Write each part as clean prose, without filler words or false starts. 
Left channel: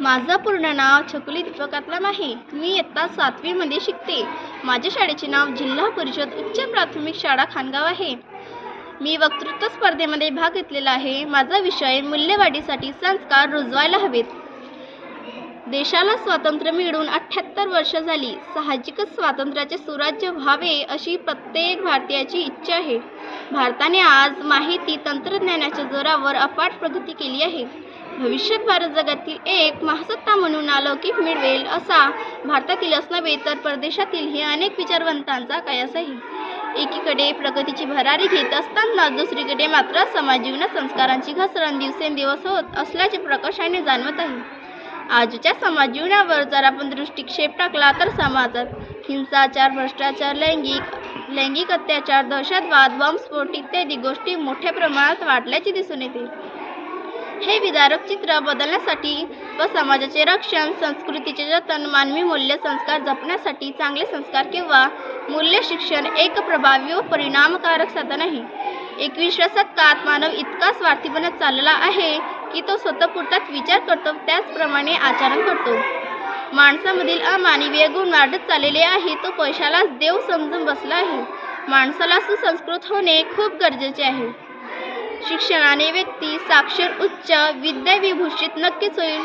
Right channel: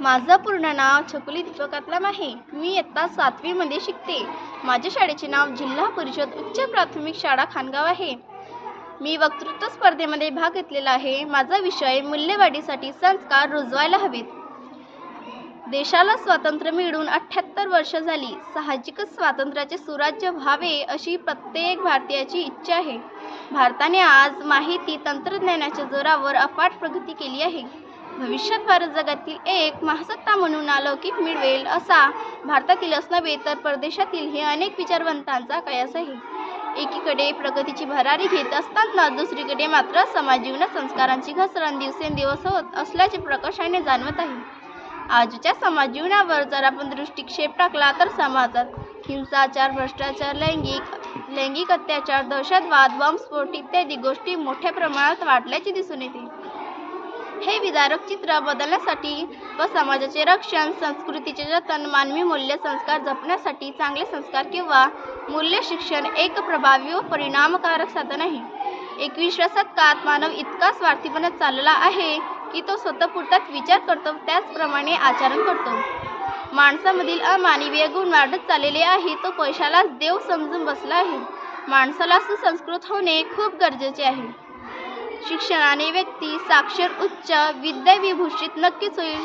माझं पूर्ण नाव छकुली दीपक कातलाम आहे. मी इयत्ता 7वी मध्ये शिकते. माझ्या शाळेचे नाव जिल्हा परिषद उच्च प्राथमिक शाळा खानगाव आहे. मी वक्तृत्व स्पर्धेमध्ये भाग घेतलेला आहे. माझा विषय मूल्यवाढीसाठी संस्कार रुजवायला हवेत. देशाला स्वातंत्र्य मिळून 78 वर्ष झाली. साहजिकच स्वातंत्र्याचे सुराज्य व्हावे अशी प्रत्येक भारतीयाची इच्छा आहे. भारताने आज माहिती तंत्रज्ञानाच्या जोरावर अफाट प्रगती केली आहे. भविष्यात भारत जगातील एक महासत्ता म्हणून अलौकिक मिळवेल असा भारतातीलच नव्हे तर परदेशातीलही अनेक विचारवंतांचा कयास आहे. एकीकडे प्रगतीची भरारी घेत असताना दुसरीकडे मात्र समाज जीवनात संस्कारांची घसरण दिवसेंदिवस होत असल्याचे प्रकर्षाने जाणवत आहे. आजच्या समाज जीवनावर जर आपण दृष्टिक्षेप टाकला तर समाजात हिंसाचार, भ्रष्टाचार, लैंगिक अत्याचार, दहशतवाद, बॉम्बस्फोट इत्यादी गोष्टी मोठ्या प्रमाणात वाढल्याचे दिसून येते. हे विदारक चित्र बदलण्यासाठी व समाजाचे रक्षण, संस्कृतीचे जतन, मानवी मूल्य संस्कार जपण्यासाठी चांगले संस्कार किंवा मूल्य शिक्षण एक प्रभावी व परिणामकारक साधन आहे. 21व्या शतकात मानव इतका स्वार्थीपणे चालला आहे की तो स्वतःपुरताच विचार करतो, त्याचप्रमाणे आचरण करतो. माणसामधील अमानवीय गुण वाढत चाललेले आहे. तो पैशालाच देव समजून बसला आहे. माणसाला सुसंस्कृत होणे खूप गरजेचे आहे. शिक्षणाने व्यक्ती साक्षर, उच्च विद्याविभूषित नक्कीच होईल,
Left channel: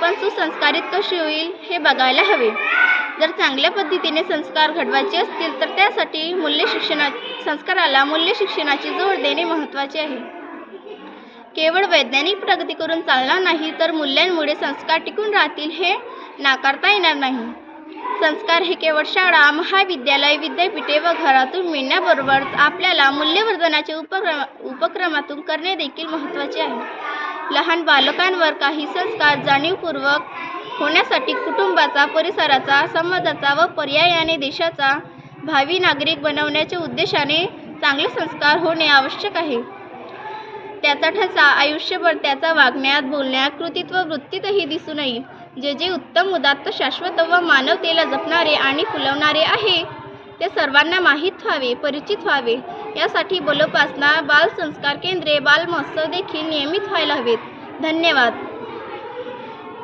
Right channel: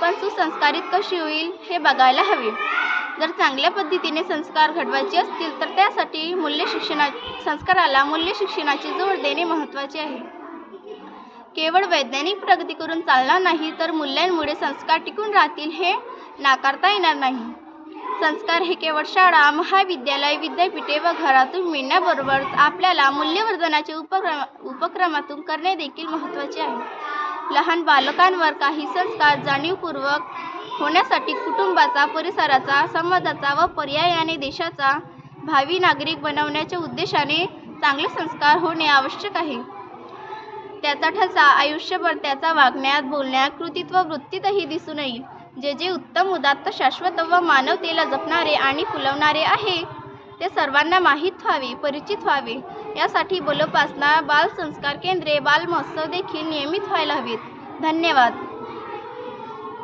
पण सुसंस्कारित कशी होईल हे बघायला हवे. जर चांगल्या पद्धतीने संस्कार घडवायचे असतील तर त्यासाठी संस्काराला मूल्य शिक्षणाची जोड देणे महत्त्वाचे आहे. केवळ वैज्ञानिक प्रगती करून चालणार नाही, तर मूल्यांमुळे संस्कार टिकून राहतील हे नाकारता येणार नाही. संस्कार हे केवळ शाळा, महाविद्यालय, विद्यापीठे व घरातून मिळण्याबरोबरच आपल्याला मूल्यवर्धनाच्या उपक्रमातून करणे देखील महत्त्वाचे आहे. लहान बालकांवर काही संस्कार जाणीवपूर्वक होण्यासाठी कुटुंबाचा, परिसराचा, समाजाचा व पर्यायाने देशाचा भावी नागरिक बनवण्याच्या उद्देशाने चांगले संस्कार होणे आवश्यक आहे. त्याचा ठसा आयुष्यभर त्याचा वागण्यात, बोलण्यात, कृतीत व वृत्तीतही दिसून येईल. जे उत्तम, उदात्त, शाश्वत व मानवतेला जपणारे आणि फुलवणारे आहे ते सर्वांना माहीत व्हावे, परिचित व्हावे. यासाठी बालोपासना, बाल संस्कार केंद्रे, बाल महोत्सव देखील नियमित व्हायला हवेत. धन्यवाद.